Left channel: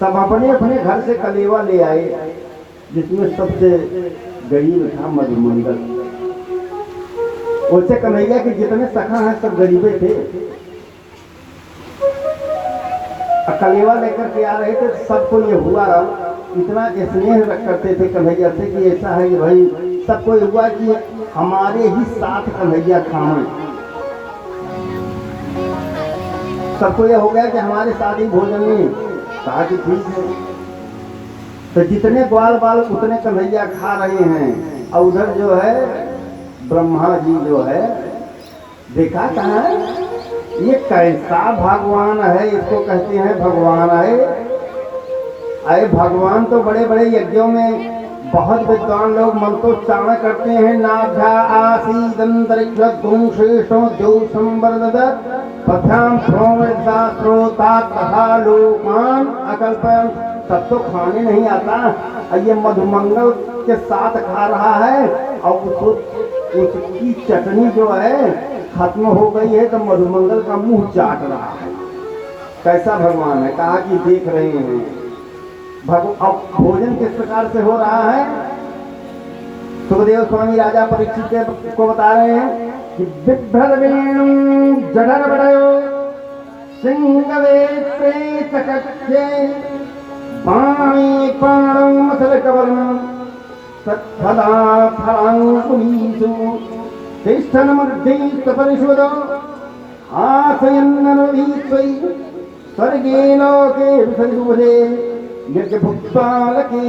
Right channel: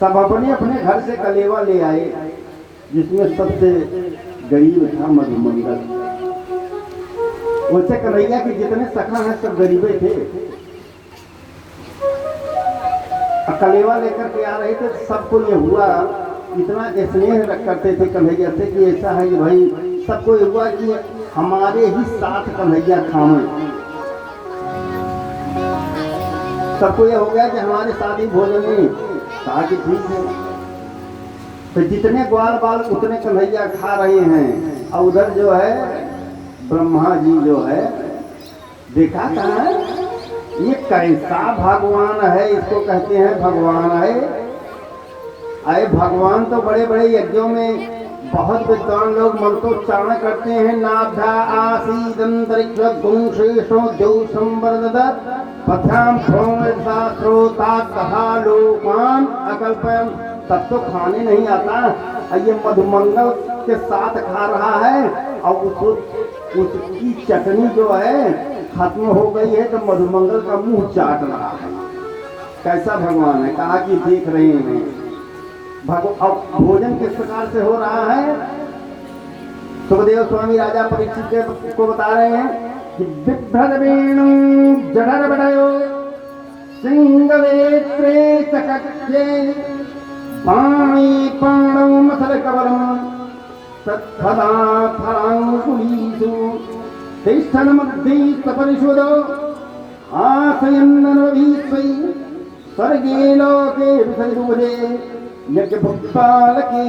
सब अपने अपने घर से कलेवा ले आए, जिसमें सबसे गरीब था मधुमंगल। वैसे कन्हैया के जितने सखा हैं सब गरीबे थे। कलेवा लेकर के आ रहे थे, सबको ये हुआ, इतना स्नेह करते थे कन्हैया से कि ऐसा है कि भाई सबको ये हुआ कि हमारे ही साथ कन्हैया खामे। सबको ये हो गया कि हमारे साथ ही भोजन में। कहा कि ठीक है, तो जितने ग्वाल बाल उतने कन्हैया खा रहे हैं। और उधर जो है ब्रह्मा जी जो है, देखा कहाँ है ये कैसा भगवान है, इसको कहते हैं भगवान है। अरे भगवान तो बड़े बड़े यज्ञों में बहुत विद्वान लोग मंत्रोच्चारण करते हैं। नाभ्या आसीदंतरिक्ष गुं शेषो द्योषं वर्धत पथ्याम लोकान अकल्पयन्। तब तो खाने नहीं आता। ये मधुमंगल के साथ खा रहा है और उसकी चटनी जो है खत्म हो गई है, तो मधुमंगल का मुंह चाट रहा है। कैसा भगवान है। कहा कि देख रहे हैं अब भोजन किस प्रकार से हो रहा है। सुखदेव स्वामी राजा परीक्षित को बता रहे हैं कि बिभ्रद वेणु जठर बड़यो सिंहवेत्रे चकक्षे पाणी पाणो मसल कवलम सत्फला फलांकुलीषु तिष्ठन् मूर्धैस्तपरिशोधो आसयन्ननवीत्वै स्वर्गे लोके विसर्जोधे यज्ञभुक्ताल के।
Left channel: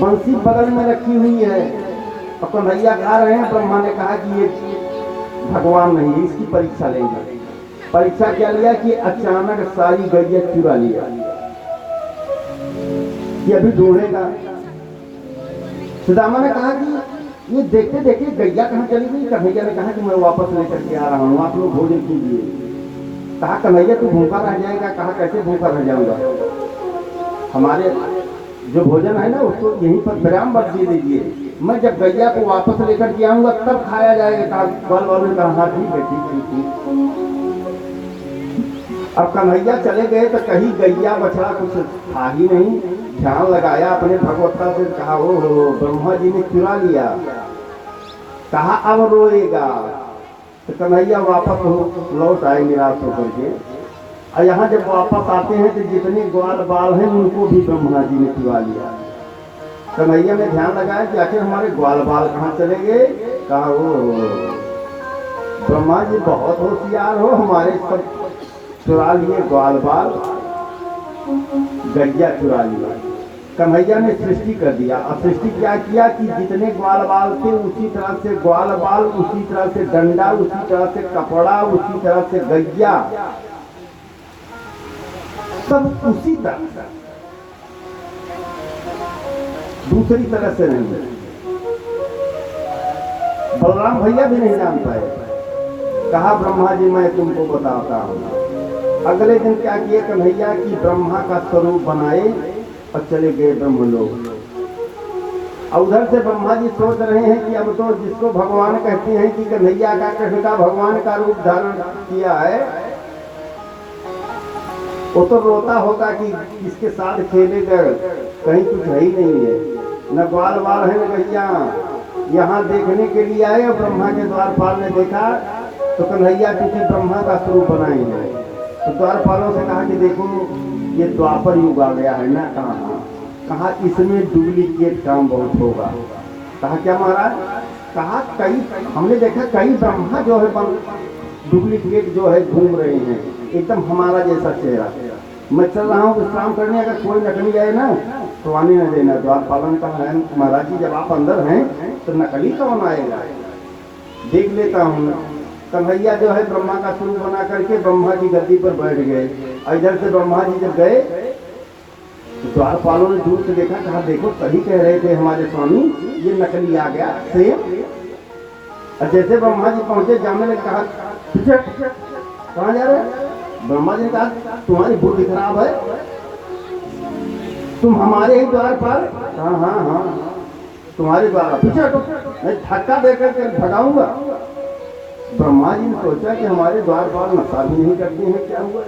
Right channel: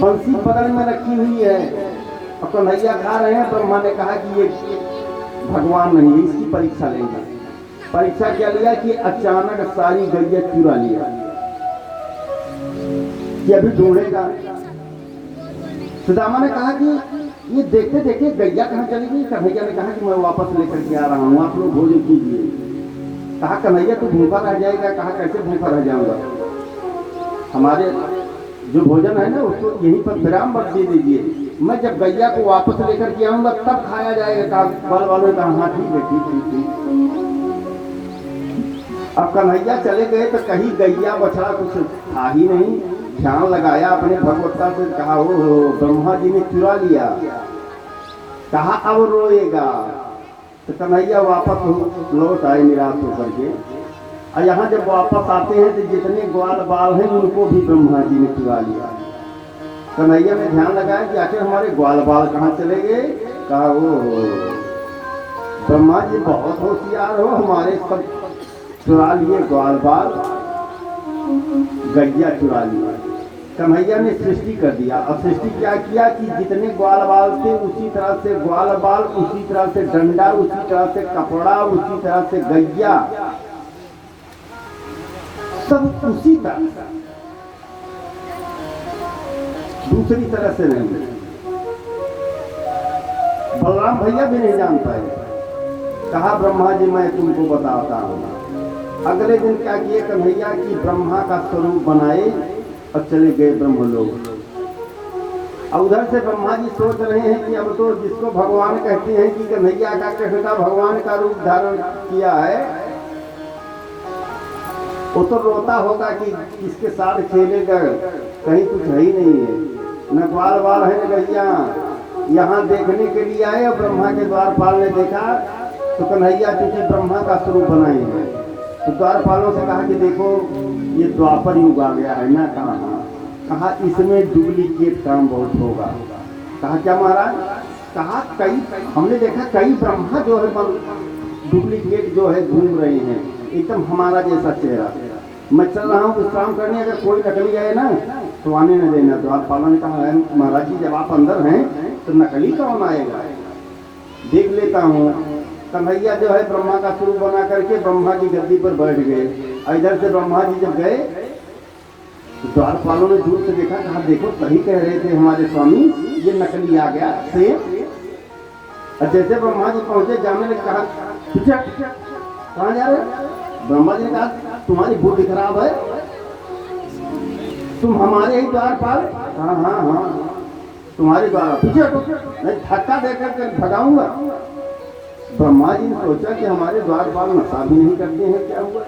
बंसी बगल में रखी हुई है, अब कन्हैया खा रहे हैं। ब्रह्मा ने कहा कि ये भगवान नहीं है, इसकी परीक्षा लेंगे। परीक्षा क्या लिया कि अचानक सारी गैया चुरा लिया कि अभी ढूंढेगा। सुदामा ने कहा कि ये देखते देखते गैया कहाँ चली गई। कन्हैया ने कहा कि मैं वापस लेकर के आ रहा हूँ, आप लोग भोजन कीजिए। कहा कन्हैया तू भूखा रह जाएगा। कहा कैसे भूखा रह जाऊंगा, हमारे जो भोजन है ना उसको यहीं पर विराम मत दे दीजिए। मैं जब गैया को वापस लेकर के आऊंगा तब खाया जाएगा। बल वालों का हाँ ठीक है ठीक। अब कन्हैया चले गए तो कहीं गैया बछड़ा कुछ था ही नहीं। ध्यान लगाया अपने भगवत्ता से, कहा ओ ब्रह्मा जी ने चुरा लिया। कहा अब रोएगा। तो कन्हैया वापस लौट आए निराश होकर के। और यहाँ जब वापस आते हैं तो जितने ग्वाल बाल हैं उनको भी ब्रह्मा जी ने चुरा लिया। कन्हैया ने ध्यान लगाया कि आखिर हमारे ग्वाल बाल कहाँ चले गए। कहा वो ब्रह्मा जी बहुत होशियार हो, हमारे सब चुरा लिए ग्वाल बाल, गैया चुरा लिया। कन्हैया ने सृष्टि कर दिया। अब सृष्टि क्या किया कि जितने ग्वाल बाल थे उसी तरह से ग्वाल बाल, उसी तरह से डंडा, उसी तरह से कपड़ा, उसी तरह से गैया, सब उसी तरह से, दूसरी तरह से नहीं। बलराम भैया भी नहीं जान पाए। कहा ब्रह्मा जी मैं तुमको बताता हूँ। अगले दिन क्या किए कन्हैया की ब्रह्मा का स्वरूप बनाए और चले गए ब्रह्मलोक। और उधर से ब्रह्मा जी सोच रहे हैं कि अब तो जिसको भगवान कहते हैं कि कन्हैया का कृष्ण का भगवान का रूप धारण किया है, वो तो रोता होगा कि इसके साथ खेलेगा, कहीं कुछ है ही नहीं है, न ग्वाल बाल है न गैया। यहाँ देखने के लिए आए और ब्रह्मा के द्वारपाल ने देखा तो कन्हैया पीछे ब्रह्मा का स्वरूप बनाए हैं। तो द्वारपालों से कहा कि देखो ये द्वापर युग आ गया है ना। कहा इसमें डुप्लीकेट काम बहुत होगा। कहा क्या महाराज। कहा कई हमने देखा कई ब्रह्मा जो है डुप्लीकेट जो है घूम रहे हैं, एकदम हमारा जैसा चेहरा। मैं चल रहा हूँ विश्राम करने, अगर कोई नकली गए ना तो आने न देना। द्वारपालों ने कहा है महाराज जी जब आप अंदर हैं तो नकली कौन आएगा, देख लेता हूँ। कन्हैया जो है ब्रह्मा का स्वरूप बना करके ब्रह्मा की गद्दी पर बैठ गए। इधर से ब्रह्मा जी जब गए तो द्वारपालों ने दूर से देखा। कहा देखो सही कह रहे थे हमारे स्वामी, ये नकली आ गया से। और जैसे ब्रह्मा जी पहुंचे जाने लगे। कहा कहाँ जा रहे। ब्रह्मा जी ने कहा तुम्हारी बुद्धि खराब है, तुम हमारे ही द्वारपाल। हाँ हाँ हाँ तुम्हारी द्वार पीछे मैं धक्का देकर के भगाऊंगा। ब्रह्मा जी ने सोचा कि हमारे द्वारपाल नशा भी नहीं करते हैं, क्या हुआ।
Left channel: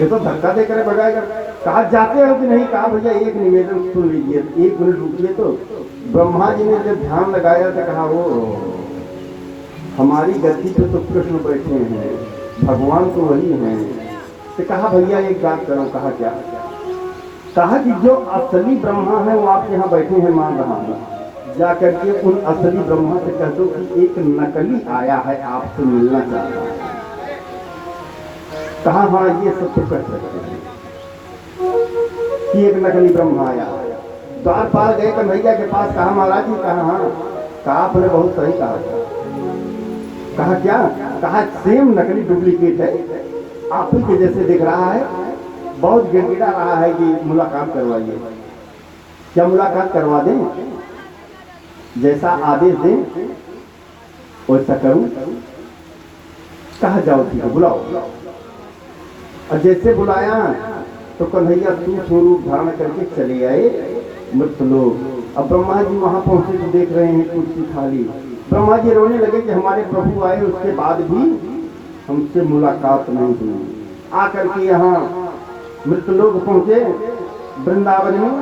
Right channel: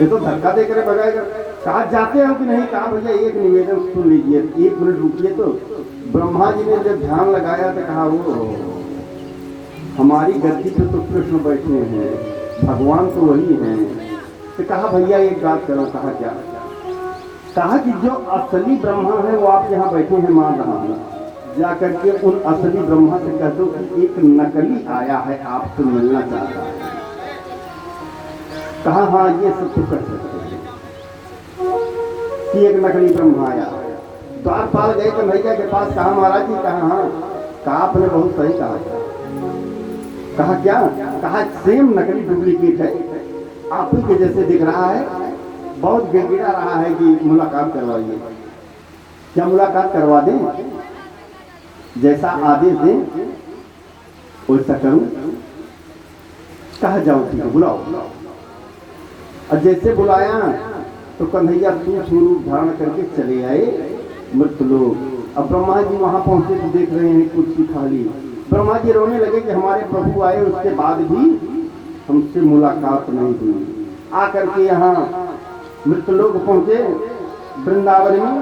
ये तो धक्का देकर भगाएगा। कहा जाते हो कि नहीं? कहा भैया एक निवेदन सुन लीजिए, 1 मिनट रुकिए। तो ब्रह्मा जी ने जब ध्यान लगाया तो कहा वो हमारी गद्दी पे तो कृष्ण बैठे हैं, भगवान तो वही हैं। तो कहा भैया एक बात करो। कहा क्या? कहा कि जो असली ब्रह्मा है वो आप यहाँ बैठे हैं मान रहा हूँ, जा करके उन असली ब्रह्मा से कह दो कि एक नकली आया है आपसे मिलना चाहता है। कहा हाँ ये सब तो कर सकते हैं कि एक नकली ब्रह्मा आया। द्वारपाल गए कन्हैया के पास। कहा महाराज जी? कहा हाँ। कहा आपने बहुत सही कहा। कहा क्या? कहा सेम नकली डुप्लीकेट है, आप ही के जैसे दिख रहा है, बहुत गिड़गिड़ा रहा है कि मुलाकात करवाइए। क्या मुलाकात करवा दें? जैसा आदेश दें वैसा करूं। कहा जाओ ठीक है बुलाओ। और जैसे बुलाया तो कन्हैया स्वरूप धारण करके चले आए मृत लोग। अब ब्रह्मा जी वहां पहुंचे तो देख रहे हैं कुर्सी खाली। ब्रह्मा जी रोने लगे कि हमारे प्रभु आए उसके बाद भी हमसे मुलाकात नहीं हुई। आकर के यहाँ मृत लोग पहुंचे वृंदावन में,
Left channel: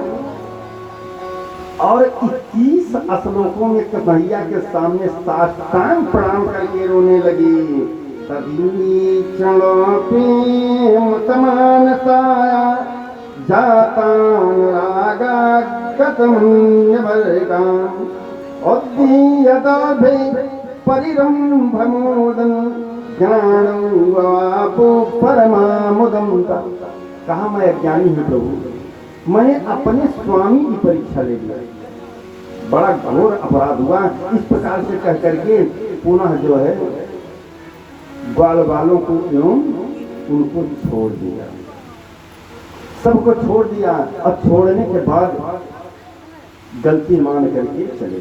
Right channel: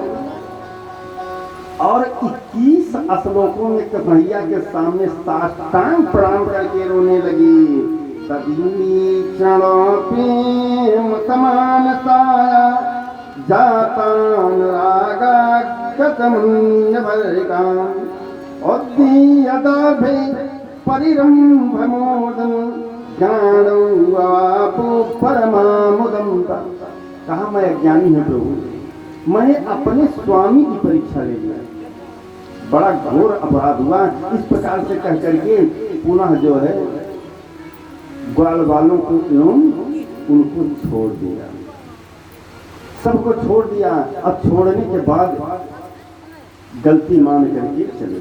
और 21 श्लोकों में कन्हैया के सामने साष्टांग प्रणाम करके रोने लगी। तभी प्रेम समानसा जातान रागा गतमन्यवर्गाम उद्दीयदाभे परिरंभमोदम ज्ञानं वापो परमामुदम। कहा मैं अज्ञानी हूँ प्रभु, मैंने अपने स्वामी की परीक्षा ले लिया, बड़ा घोर अपराध हुआ। इस प्रकार से कह करके पुनः जो है ग्वाल वालों को एवं उनको छोड़ दिया, सबको छोड़ दिया। अब छोड़ने के बाद गलती मान करके चले।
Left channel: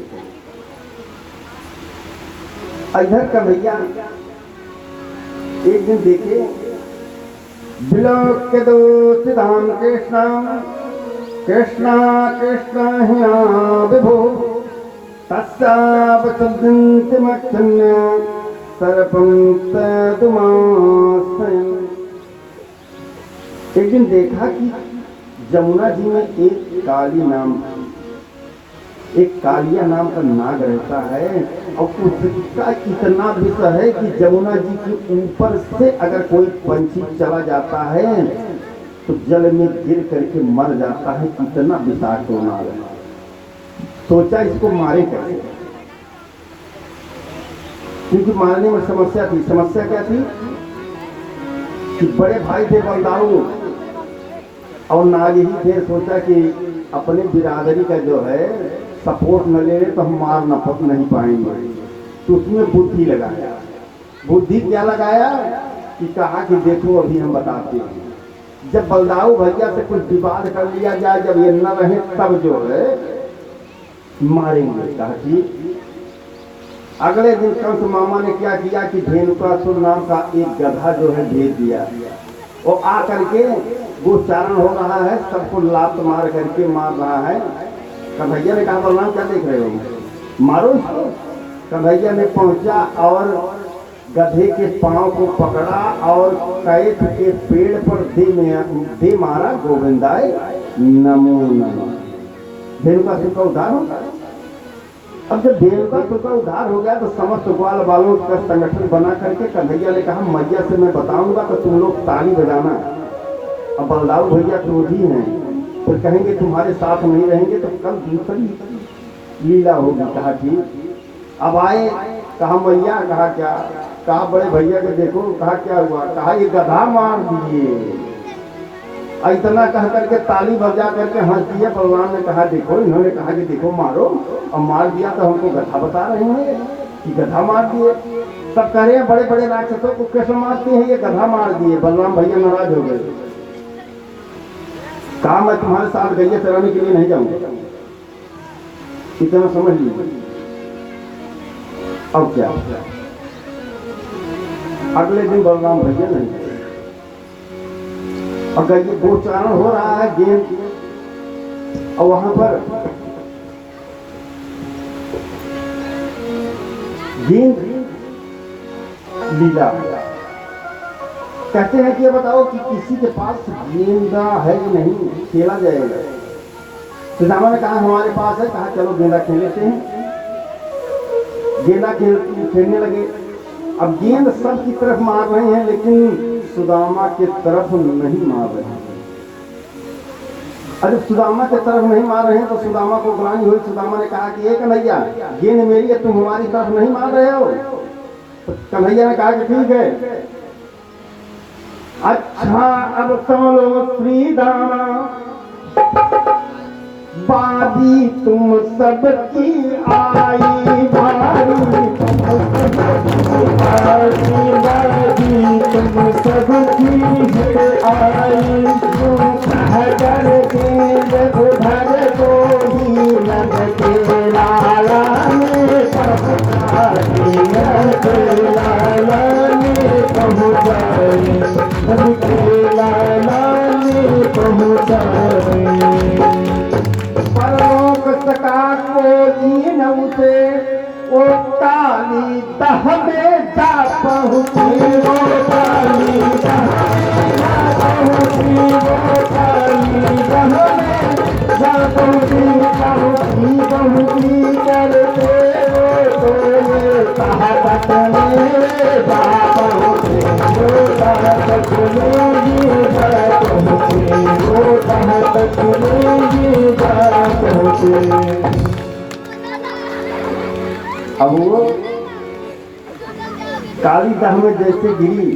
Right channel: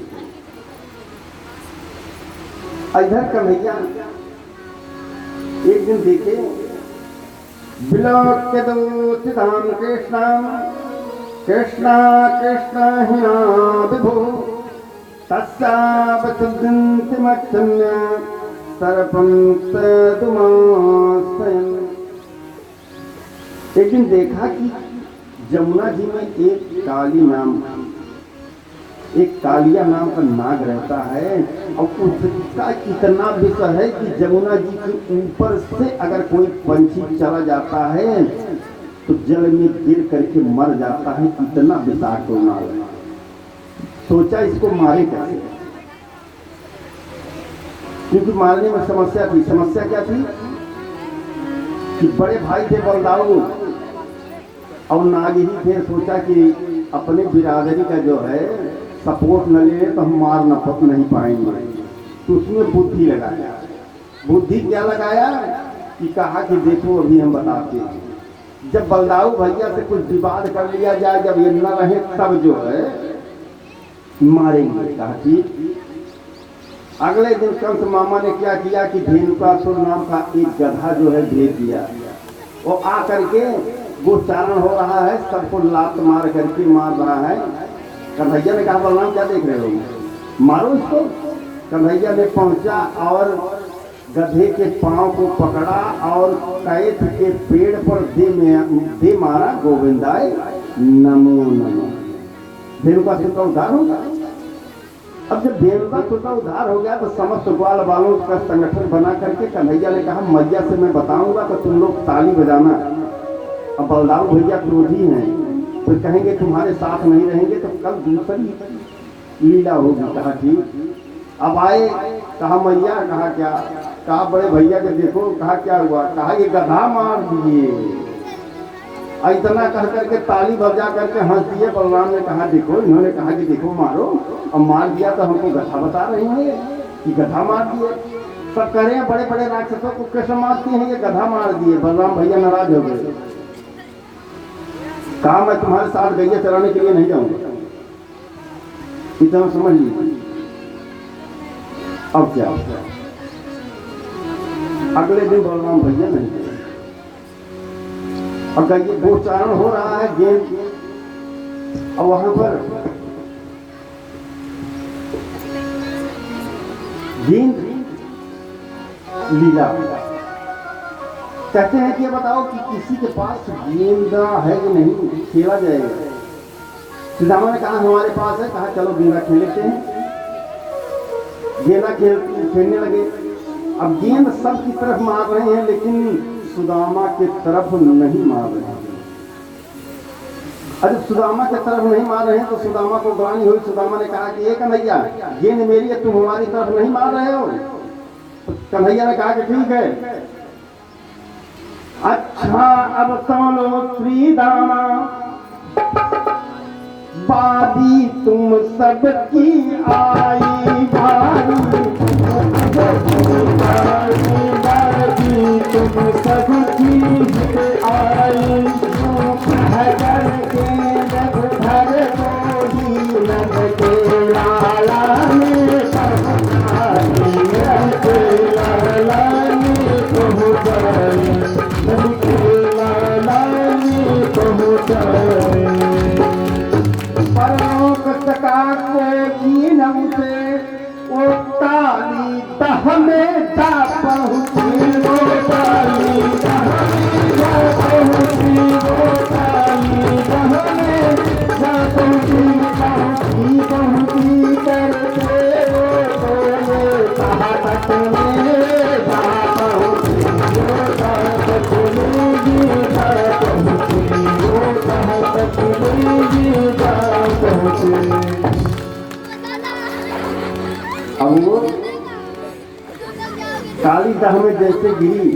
इधर कन्हैया एक दिन देखे विलोक्य दोषितान कृष्णा कृष्णा कृष्णा हिया विभो तस्यावसुद्धन्ति मच्छन्य सरपंच तुमासे। एक दिन देखा कि जमुना जी में एक काली नाम, एक कालिया नाम का नाग रहता है, और उसका इतना विष है कि जमुना जी के ऊपर से अगर कोई पंछी चला जाता है तो जल में गिर करके मर जाता है। इतना विषाक्त नाग। सोचा इसको मारे कैसे, क्योंकि मारने में समस्या थी। समस्या क्या थी कि बड़े भाई थे बलदाऊ और नाग ही थे। सोचा कि अपने बिरादरी का जो है सपोर्ट न ले तो हम मार नहीं पाएंगे, तो उसमें बुद्धि लगाया। बुद्धि क्या लगाया कि कहा कि देखो अभी हम बताते हैं, जब बलदाऊ भैया से कुछ विवाद कर लिया जाए, जब ये न रहे तब जो है मारेंगे। कहा कि अगले दिन कंस मामा ने क्या किया कि धेनुकासुर नाम का एक गधा जो है भेज दिया, वो आ करके गोचारण हो रहा है, सबको लात मार करके मार रहा है। कन्हैया ने कहा बोलना क्या देख रहे हो, मारो इसको। कन्हैया ने पहुंचा और गधे के पांव को पकड़ा और कैथ के पेड़ पर दे मारा, गोविंदाय नमो नमः। धेनुकासुर का उद्धार होगा। अब जब धेनुकासुर का उद्धार हो गया तो समस्त ग्वाल बालों का संगठन बना करके कन्हैया ने कहा मैया से मैं बताऊंगा तो तुम लोग ताली बजाना। अब बलदाऊ भैया क्रोधी हैं, तो कहेंगे तुम्हारे साथ नहीं रहेंगे तो कल दूसरी लीला होगी। कहा ठीक। अब आए, कहा मैया। कहा क्या? कहा बड़े भैया के देखो। कहा क्या हुआ? कहा ये गधा मार दिए। इतना कह करके ताली बजा करके हंस दिया। भगवान ने कहा देखो, इन्होंने कहा कि देखो मारो, और मार दिया तो हमको गधा बता रहे हैं कि गधा मार दिए। सब कह रहे हैं बड़े बड़े राक्षसों को कैसे मारते हैं, ये गधा मार दिए। बलराम भैया नाराज हो गए। कहा मैं तुम्हारे साथ गैया चराने के लिए नहीं जाऊंगा। इतना समझ लीजिए। अब क्या? अगले दिन बलराम भैया नहीं गए। अगर ये गोचारण हो रहा है गेंद, और वहां पर गेंद लीला कहते हैं कि ये बताओ कि किसी के पास गेंदा है कि नहीं, खेला जाएगा। सुदामा ने कहा हमारे पास है। कहा चलो गेंदा खेल लेते हैं। गेंदा खेलने लगे। अब गेंद सबकी तरफ मार रहे हैं, लेकिन सुदामा के तरफ नहीं मार रहे हैं। अरे सुदामा के तरफ नहीं मार रहे हैं तो सुदामा को ग्लानि हुई। सुदामा ने कहा कि ये कन्हैया, गेंद मेरी है, तुम हमारी तरफ नहीं मार रहे हो। तो कन्हैया ने कहा कि ठीक है। अच्छा अब सुनो श्रीदामा, बारी तुम सबकी आई भारी, तुम सबकी आई, हजर गेंद भर को ही लग के लाला ने पहुँचाई, लाला ने पहुँचाई, लाला ने पहुँचाई। से वो ताली दहमे जा पहुँची, वो ताली जा पहुँची, वो ताली दहमे जा पहुँची, पहुँची करते बोले कहावत में जा पहुँची, वो कहावत में जा पहुँची, वो कहावत में जा पहुँची। अब वो काली दह में जैसे गिरी,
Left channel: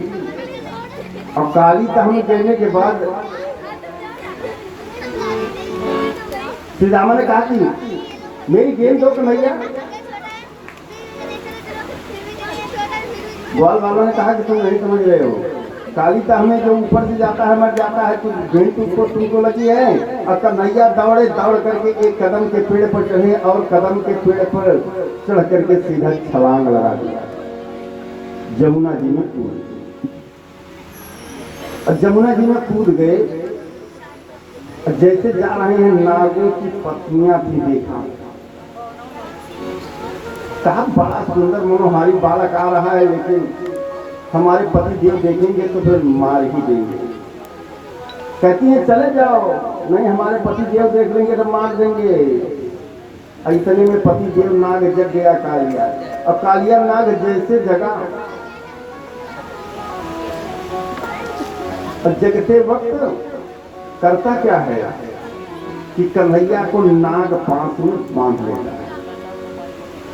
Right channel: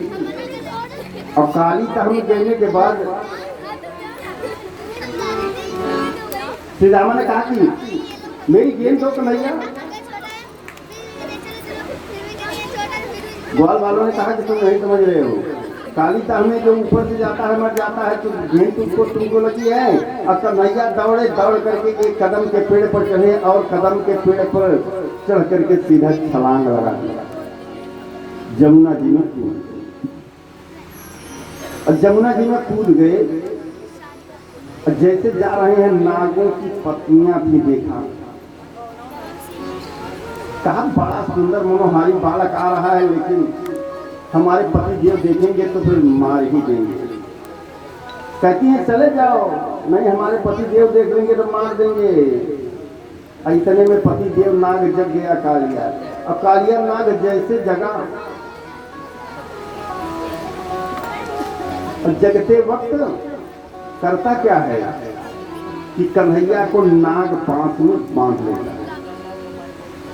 और काली दह में गिरने के बाद सुदामा ने कहा कि मेरी गेंद दो कन्हैया। ग्वाल वालों ने कहा कि तुम नहीं समझ रहे हो, काली दह में जो ऊपर से जाता है मर जाता है, तो गेंद तुमको लगी है। और कन्हैया दौड़ करके एक कदम के पेड़ पर चढ़े और कदम के पेड़ पर चढ़ करके सीधा छलांग लगा दिया, जमुना जी में कूद। और जमुना जी में कूद गए। और जैसे जा रहे हैं नागों की पत्नियां भी देखा। कहा बड़ा सुंदर मनोहारी बालक आ रहा है, लेकिन हमारे पति देव देखेंगे तो फिर मार ही देंगे। कहती है चले जाओ। नहीं, हमारे पति देव देख लेंगे तो मार देंगे। इतने में पति देव नाग जग गया कालिया। अब कालिया नाग जैसे जगा, जगते वक्त करता क्या है कि कन्हैया को नाग पांस में बांध लेता है।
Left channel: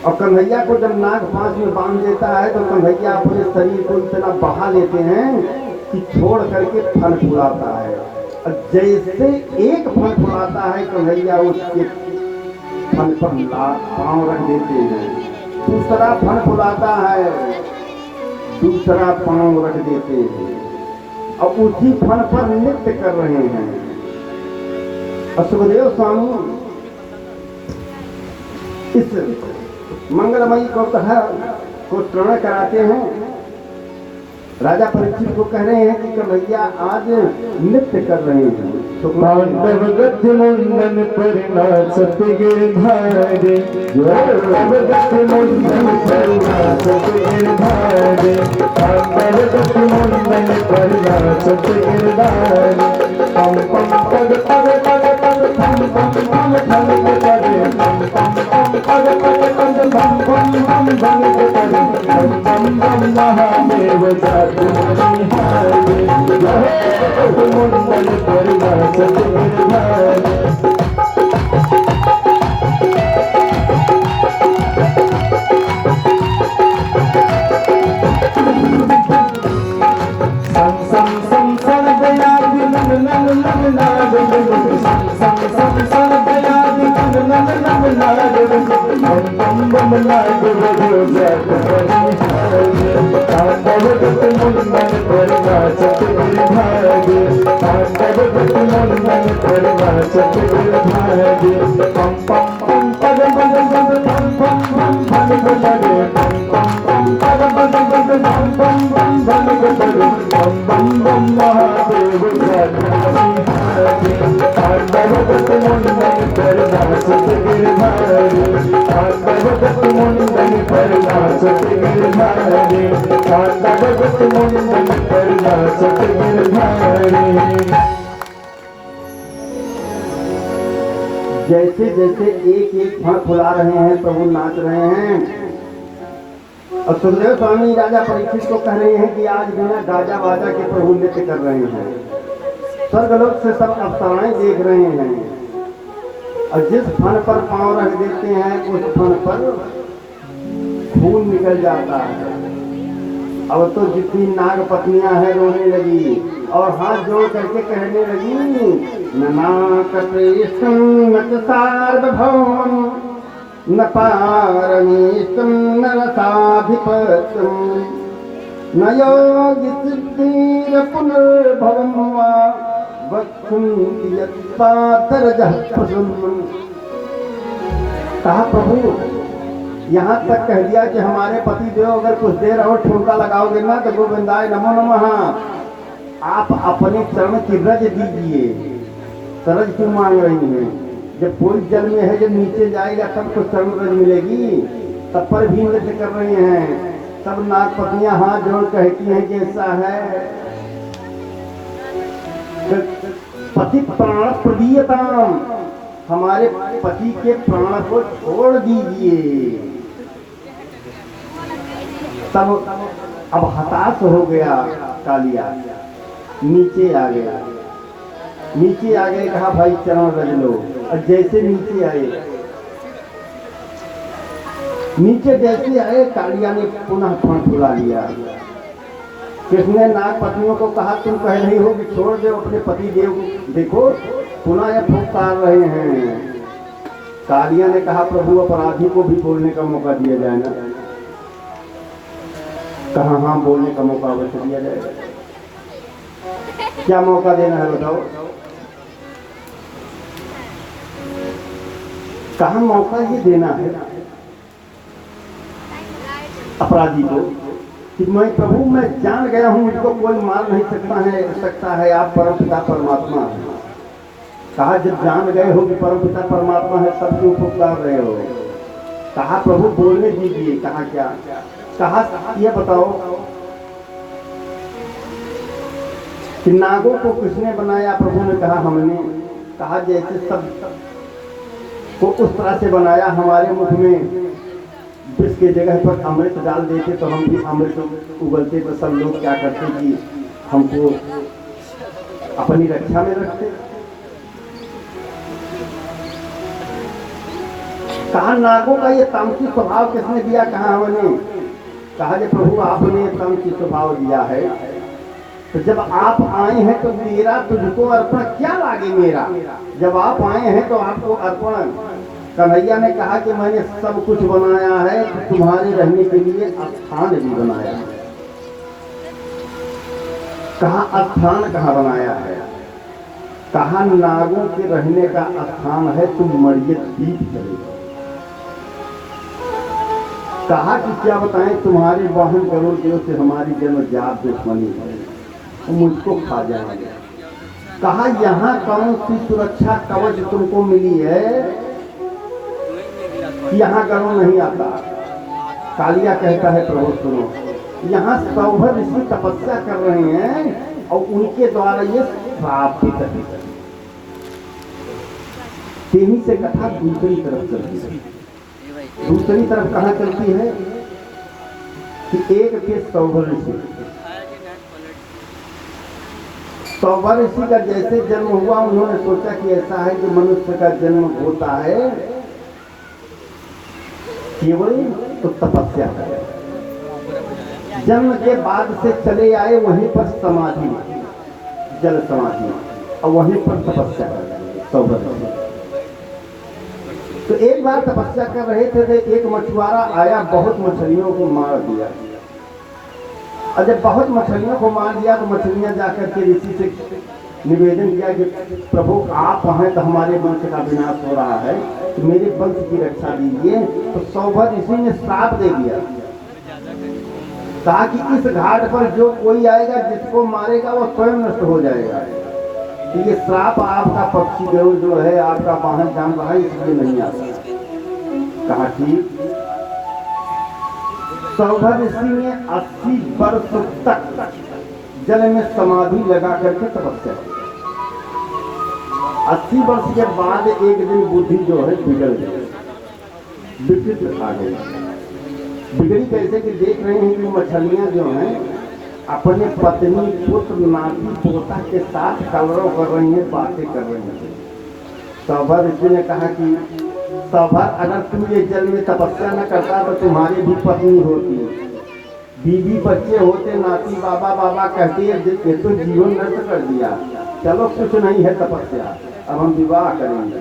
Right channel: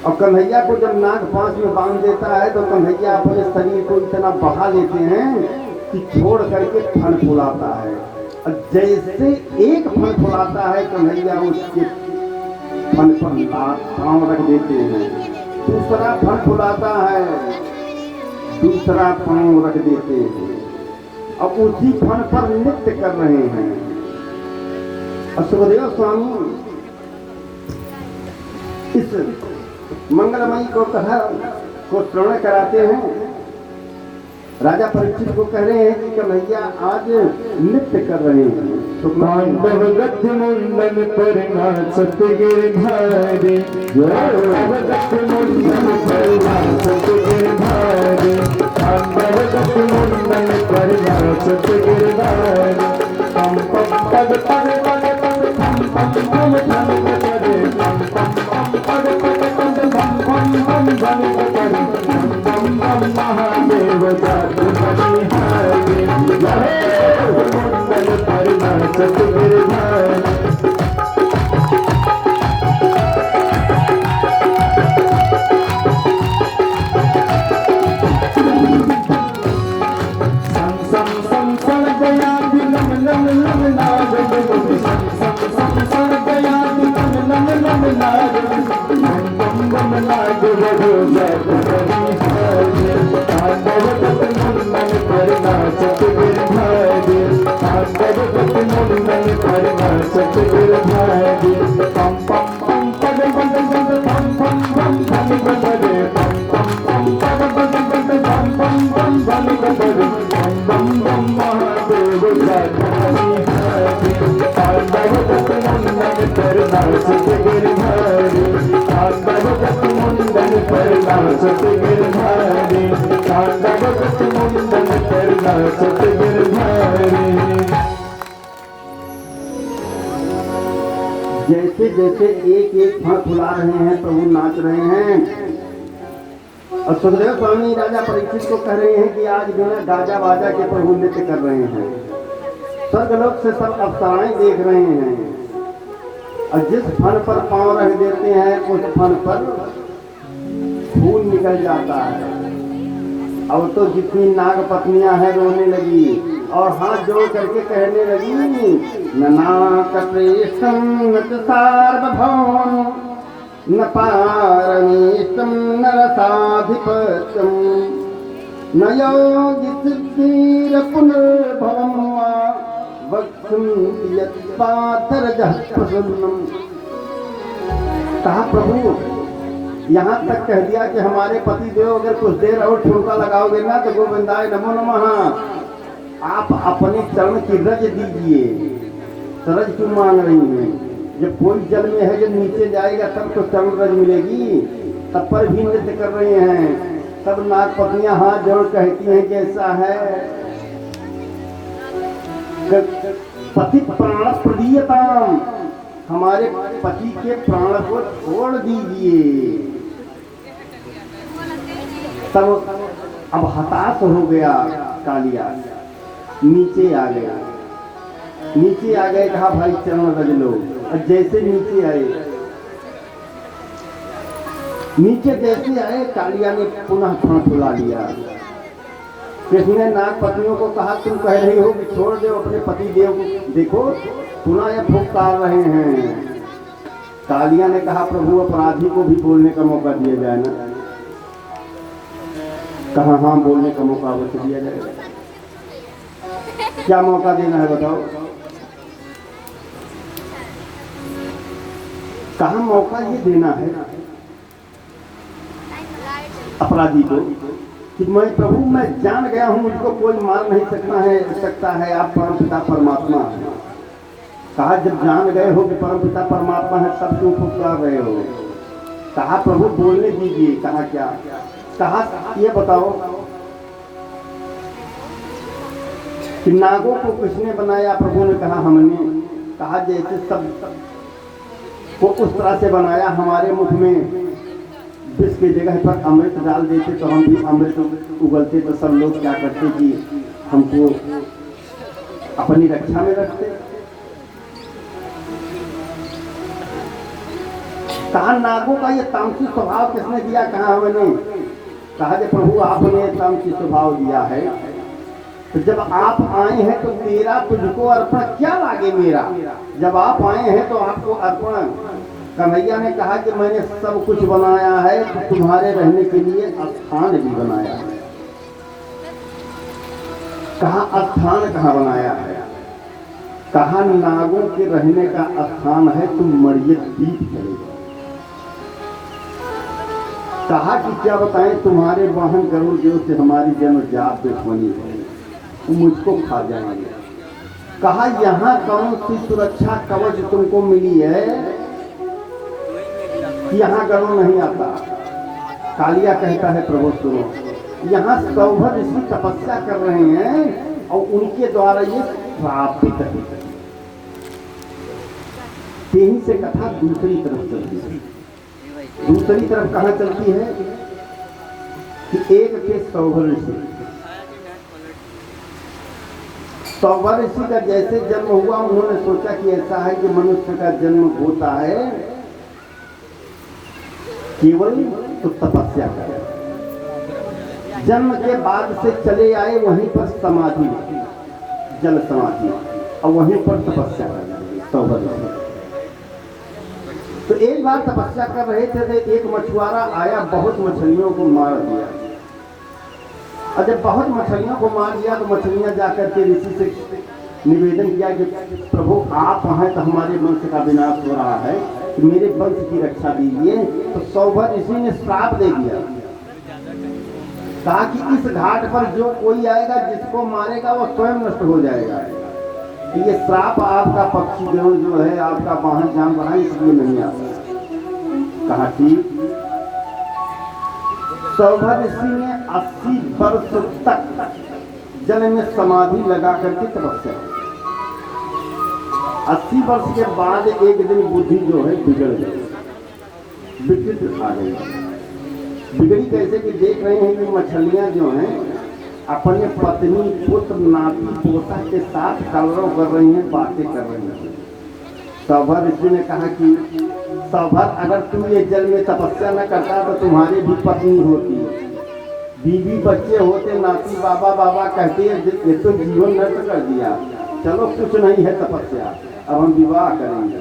और कन्हैया को जब नाग पांस में बांध देता है तो कन्हैया अपने शरीर को इतना बहा लेते हैं कि छोड़ करके फन फुलाता है। और जैसे एक फन फुलाता है कन्हैया उसके फन पर पांव रख देते हैं, दूसरा फन फुलाता है, दूसरा पांव रख देते हैं, और उसी फन पर नृत्य कर रहे हैं। सुखदेव स्वामी इस मंगलमयी को श्रवण कराते हैं। राजा परीक्षित को कह रहे हैं कि कन्हैया आज नृत्य कर रहे हैं। पांडव गति मंदन करना सतगिरधारी, पांडव गति मंदन करना सतगिरधारी, पांडव गति मंदन करना सतगिरधारी। पम पम पग पग पग पग पम पम पम पम करे, पम पम पम पग पग पग पम पम पम पम करे, पम पम पम महादेव जातु बलिहारी, जय मंदन करना सतगिरधारी। Mandan मंडन करना सत गिरधारी, तांडव गति मंडन करना सत गिरधारी। जैसे जैसे एक एक फण फुला रहे हैं प्रभु नाच रहे हैं। अब सुखदेव स्वामी राजा परीक्षित को कह रहे हैं कि आज बिना गाजा बाजा के प्रभु नृत्य कर रहे हैं। स्वर्गलोक से सब अप्सराएं देख रहे हैं और जिस फन पर पांव रख देते हैं उस फन पर खून निकल जाता है। अब तो जितनी नाग पत्नियां हैं रोने लगी और हाथ जोड़ करके कहने लगी, ननाकप्रेष्टं न च सार्वभौमं न पारमेष्टं न रसाधिपत्यं न योगि सिद्धिर पुनर्भवं वा वक्षन्ति यत्पातरजः प्रसन्नं। कहा प्रभु यहाँ तक कह दिया कि हमारे पति देव अगर कुछ देर और ठुमका लगाओगे ना तो गोविंदाय नमो नमः। आप अपने चरण की रज दीजिए। सरज क्यों मांग रही हैं? जब कोई जल में है जब नीचे जाएगा तब तो चरण रज मिलेगी, तब पर भी नृत्य कर रहे हैं। सब नागपतियां हाथ जोड़ कहती हैं कि ऐसा है पति प्राण प्रियतम, हमारे पति के प्राण को छोड़ दीजिए। तब अब हताश हो गया कालिया, नीचे आ गया। नीचे आ गए, कहा भाई चरण रज लो। और जैसे नीचे आए, नीचे जैसे आए कालिया ने पुनः फण फुला लिया। कृष्ण ने नाग पत्नियों को कहा तुम कह रही हो कि छोड़ दो अपने पति देव को, देखो पुनः यह फुफकार रहे हैं। कालिया ने कहा प्रभु अपराधी को भी बोलने का मौका दिया जाए ना। कहा हाँ बोलने का मौका अवश्य दिया जाएगा। क्या मौका देना है बताओ? कहा मौका ये देना है अपराधी को कि मैं प्रभु मैं जान गया हूं, मुझको कोई मार नहीं सकता है, आप परमपिता परमात्मा हैं। कहा जब जान गए हो कि परमपिता परमात्मा है तब क्यों फुफकार रहे हो? कहा प्रभु बोलने दीजिए। कहा क्या? कहा ये बताओ कि नागों को किसने बनाया? प्रभु ने कहा हमने। कहा जैसे सब को उस तरह से बनाया, हमारे मुख में विष के जगह पर अमृत डाल देते तो हम भी अमृत उगलते, तो सब लोग क्या करते कि हमको अपनी रक्षा में रखते। कहा नागों का ये तामसिक स्वभाव किसने दिया? कहा हमने। कहा कि प्रभु आपने तामसिक स्वभाव दिया है, तो जब आप आए हैं तो मेरा तुझको अर्पण क्या लागे मेरा? जब आप आए हैं तो आपको अर्पण। कन्हैया ने कहा कि मैंने सब कुछ बनाया है, तो तुम्हारे रहने के लिए स्थान भी बनाया है। कहा स्थान कहाँ बनाया है? कहा नागों के रहने का स्थान है, तुम मरियत द्वीप चले जाओ। कहा कि क्या बताएं तुम्हारे वाहन करोड़ देव से हमारी जन्म जात दुश्मनी है, मुझको खा जाएंगे। कहा यहाँ कौन सी सुरक्षा कवच तुमको मिली है कि यहाँ गरुड़ नहीं आता? कालिया कहता है प्रभु सुनो, यहाँ सौभर ऋषि तपस्या कर रहे हैं और उनके द्वारा ये प्राप्ति करनी चाहिए। तेही से कथा दूसरी तरफ चलती है। दूसरी तरफ कहाँ चलती है कि एक के सौभर ऋषि, सौभर ऋषि का जैसे जन्म हुआ उन्होंने सोचा कि ऐसा है कि मनुष्य का जन्म होता है केवल तो तपस्या करे। जन्म के बाद से चले आए वहीं पर समाधि, जल समाधि, और वहीं पर तपस्या कर सौभर ऋषि। तो एक बार तपस्या कर रहे थे तो एक मछुआरा आया, बहुत मछलियों को मार दिया। और जब बहुत मछलियों को मार दिया तो मछलियां जाकर के ऋषि से निवेदन किया कि प्रभु आप हैं तो हमारे वंश का विनाश हो रहा है, तो मेरे वंश की रक्षा दीजिए। तो सौभर ऋषि ने श्राप दे दिया, कहा कि इस घाट पर जो कोई आएगा जिसको मारेगा वो स्वयं नष्ट हो जाएगा। तो ये श्राप आपका पक्षी गरुड़ जो है आपका वाहन जान रहा है, इसलिए नहीं आता। कहा ठीक। सौभर ऋषि ने 80 वर्ष तक जल में समाधि लगा करके तपस्या की। 80 वर्ष के बाद एक दिन बुद्धि जो है बिगड़ गई, विकृत आ गई। बिगड़ी कैसे कि देख रहे हैं कि मछलियां जो हैं अपने पत्नी पुत्र नाती पोता के साथ कलरव कर रही हैं, बातें कर रही हैं। सौभर ऋषि ने कहा कि सौभर, अगर तुम ये जल में तपस्या न करता तो तुम्हारी भी पत्नी होती, बीवी बच्चे होते, नाती बाबा बाबा कहती है, ये तो जीवन नष्ट कर दिया। चलो कुछ नहीं है तपस्या, अब हम विवाह करेंगे।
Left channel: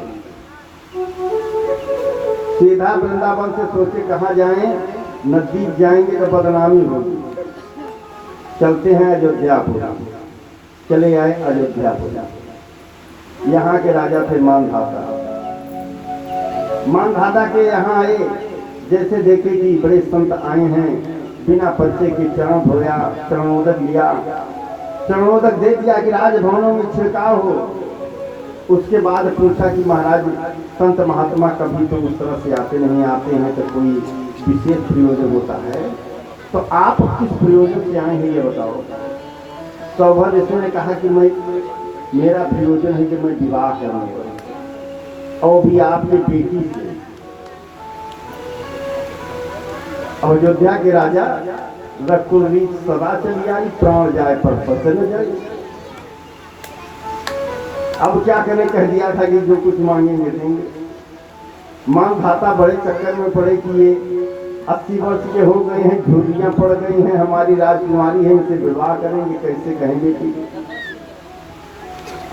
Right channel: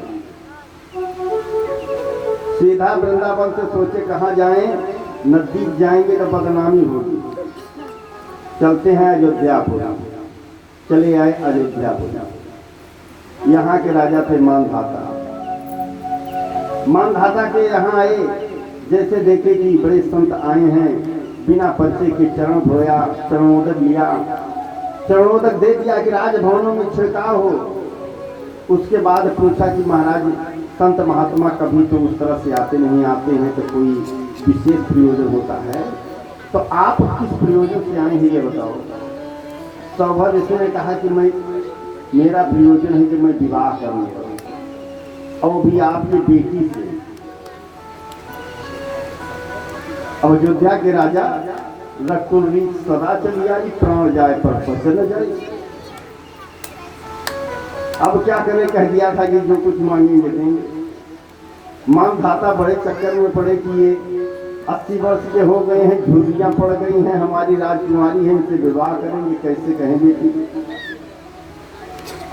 सीधा वृंदावन से सोचे कहाँ जाएं, नजदीक जाएंगे तो बदनामी होगी, चलते हैं अयोध्यापुर। चले आए अयोध्यापुर। यहाँ के राजा थे मानधाता। मानधाता के यहाँ आए, जैसे देखे कि बड़े संत आए हैं, बिना पर्चे के चरण धोया, चरणोदक लिया, चरणोदक दे दिया कि राजभवनों में छिड़काव हो। उसके बाद पूछा कि महाराज संत महात्मा कभी तो उस तरह से आते नहीं, आते हैं तो कोई विशेष प्रयोजन होता है, तो आप किस प्रयोजन से आए हैं ये बताओ। सौभर इसने कहा कि मेरा प्रयोजन है कि मैं विवाह करूंगा, और भी आपकी बेटी से। अब अयोध्या के राजा रकुल सदा चली आई, प्राण जाए पर चले जाए। अब क्या करें, कह दिया था कि जो कुछ मांगेंगे देंगे। मानधाता बड़े चक्कर में पड़े कि ये 80 वर्ष के हो गए हैं, झुर्रियां पड़ गई हैं, हमारी राजकुमारी है, इनसे विवाह करेंगे, कैसे कहेंगे कि।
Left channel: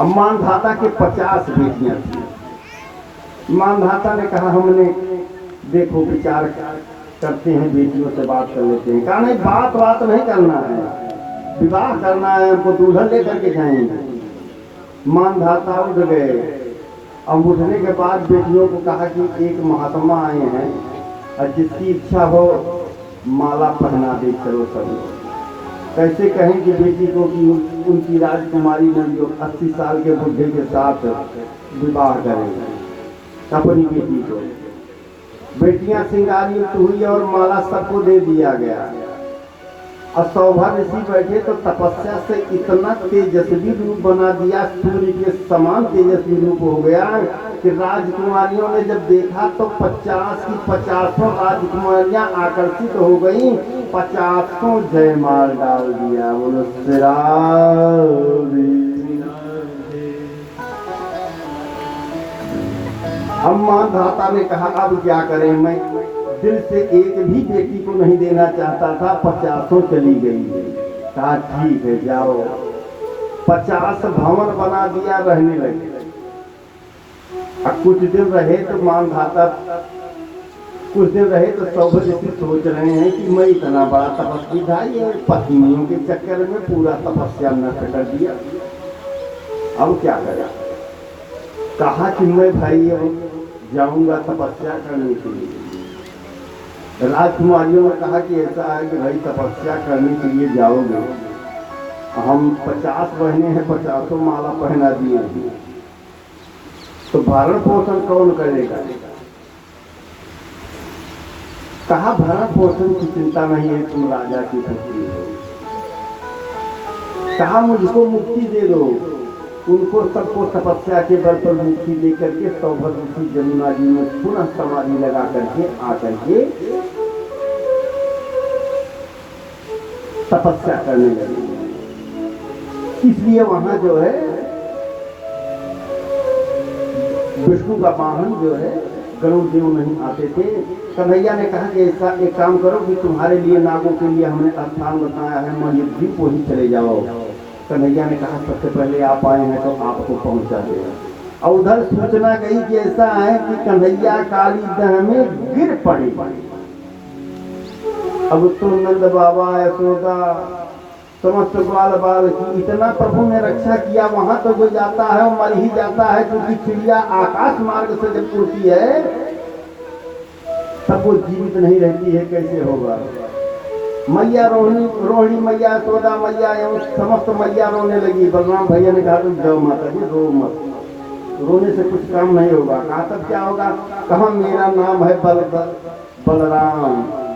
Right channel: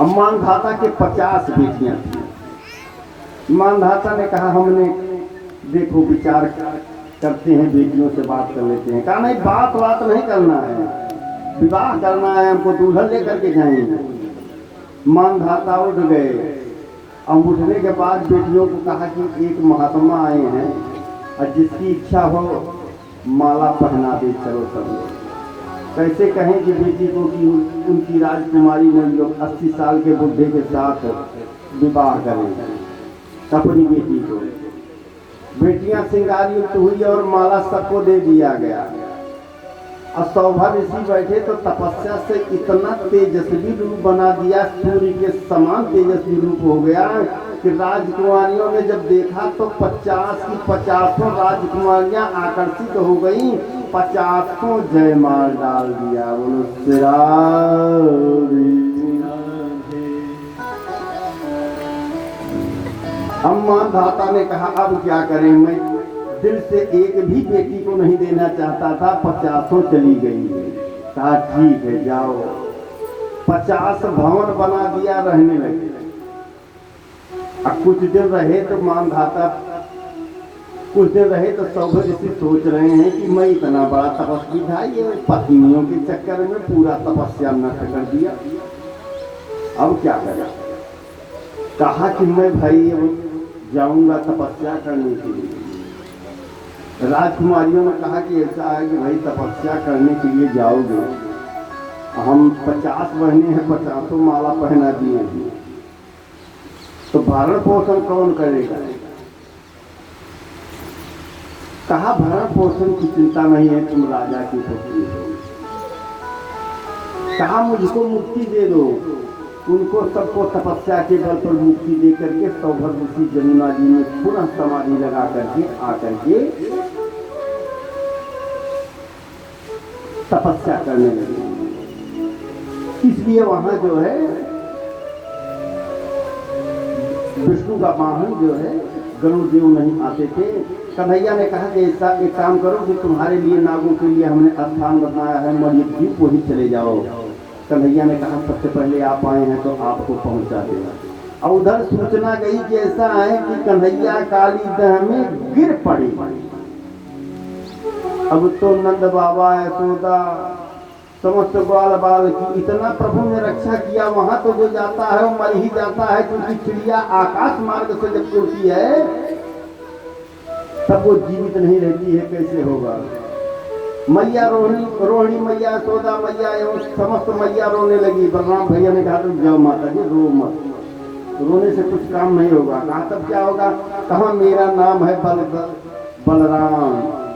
अब मानधाता के 50 बेटियां थी। मानधाता ने कहा हमने देखो विचार करते हैं, बेटियों से बात कर लेते हैं। कहा नहीं, बात नहीं करना है, विवाह करना है, हमको दुल्हन लेकर के जाएंगे। मानधाता उठ गए, और उठने के बाद बेटियों को कहा कि एक महात्मा आए हैं, और जिसकी इच्छा हो माला पहना दे, चलो सब। कैसे कहें कि बेटी को कि उनकी राजकुमारी में लोग 80 साल के बुढ़े के साथ विवाह करेंगे अपनी बेटी को। बेटियां श्रृंगारी हुई और माला सबको दे दिया गया। और सौभर ऋषि बैठे तो तपस्या से इतना तेजस्वी रूप बना दिया, सूर्य के समान तेजस्वी रूप हो गया कि राजकुमारियों ने जब देखा तो 50 की 50 राजकुमारियां आकर्षित हो गई, 50 जयमाल डाल दिया। बोलो श्री मानधाता ने कहा अब क्या करें, मैं दिल से एक भी बेटी को नहीं देना चाहता था, 50 चली गई। कहा ठीक है जाओ। 50 भवन बना दिया, रहने लगे। अब कुछ दिन रहे तो मानधाता कुछ दिन रहे तो सौभर ऋषि सोच रहे हैं कि मैं इतना बड़ा तपस्वी था, ये पत्नियों के चक्कर में पूरा तपस्या नष्ट कर दिया, अब क्या करें। कहा कि मैं भाई अब जाऊंगा तपस्या करने के लिए। राजकुमारियों ने कहा कि ऐसा है कि भाई तपस्या करने के लिए जाओगे, हम 50 बहने हैं, 50 माला पहना दिए, तो भरण पोषण कौन करेगा। कहा भरण पोषण की चिंता नहीं है, तुम राजा की पुत्री हो। कहा मुझको मुक्ति दे दो। उनको सबको तपस्या के बल पर मुक्ति दे करके सौभर ऋषि जमुना जी में पुनः समाधि लगा करके आकर के तपस्या करने लगे। इसलिए वहां जो है विष्णु का वाहन जो है गरुड़ देव नहीं आते थे। कन्हैया ने कहा कि ऐसा एक काम करो कि तुम्हारे लिए नागों के लिए हमने स्थान बनाया है, मणिद्वीप वहीं चले जाओ। कन्हैया ने कहा सबसे पहले आप आए हैं तो आपको पहुंचा देगा। और उधर सूचना गई कि ऐसा है कि कन्हैया काली दह में गिर पड़े। अब तो नंद बाबा यशोदा समस्त बाल बाल की इतना प्रभु ने रक्षा किया। वहां तो जो जाता है मर ही जाता है, क्योंकि चिड़िया आकाश मार्ग से जब उड़ती है तब वो जीवित नहीं रहती है, कैसे होगा। मैया रोहिणी मैया यशोदा मैया एवं समस्त मैया रोने लगी। बलराम भैया ने कहा तुम जाओ माता जी, रो मत, रोने से कुछ काम नहीं होगा। कहा तब क्या होगा। कहा मेरा नाम है बलराम,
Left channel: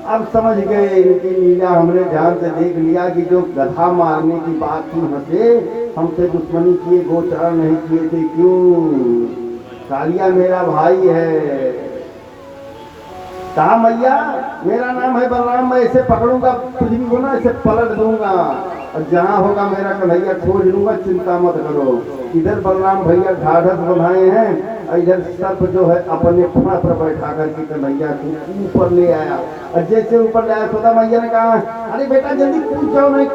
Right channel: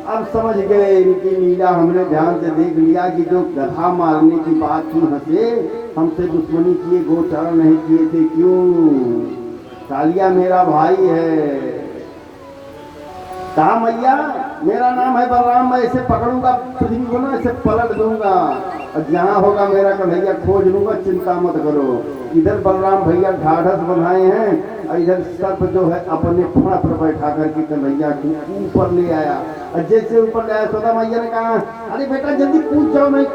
अब समझ गए इनकी लीला, हमने ध्यान से देख लिया कि जो गधा मारने की बात थी हंसे, हमसे दुश्मनी किए, गोचरण नहीं किए थे, क्यों? कालिया मेरा भाई है। कहा मैया मेरा नाम है बलराम, मैं इसे पकड़ूंगा पृथ्वी को ना, इसे पलट दूंगा, और जहाँ होगा मेरा कन्हैया खोज लूंगा, चिंता मत करो। इधर बलराम भैया ढाढ़स बनाए हैं, और इधर सर्प जो है अपने फुड़ा पर बैठा करके कन्हैया को ऊपर ले आया। और जैसे ऊपर ले आया, खुदा मैया ने कहा अरे बेटा जल्दी पूछ जाओ, नहीं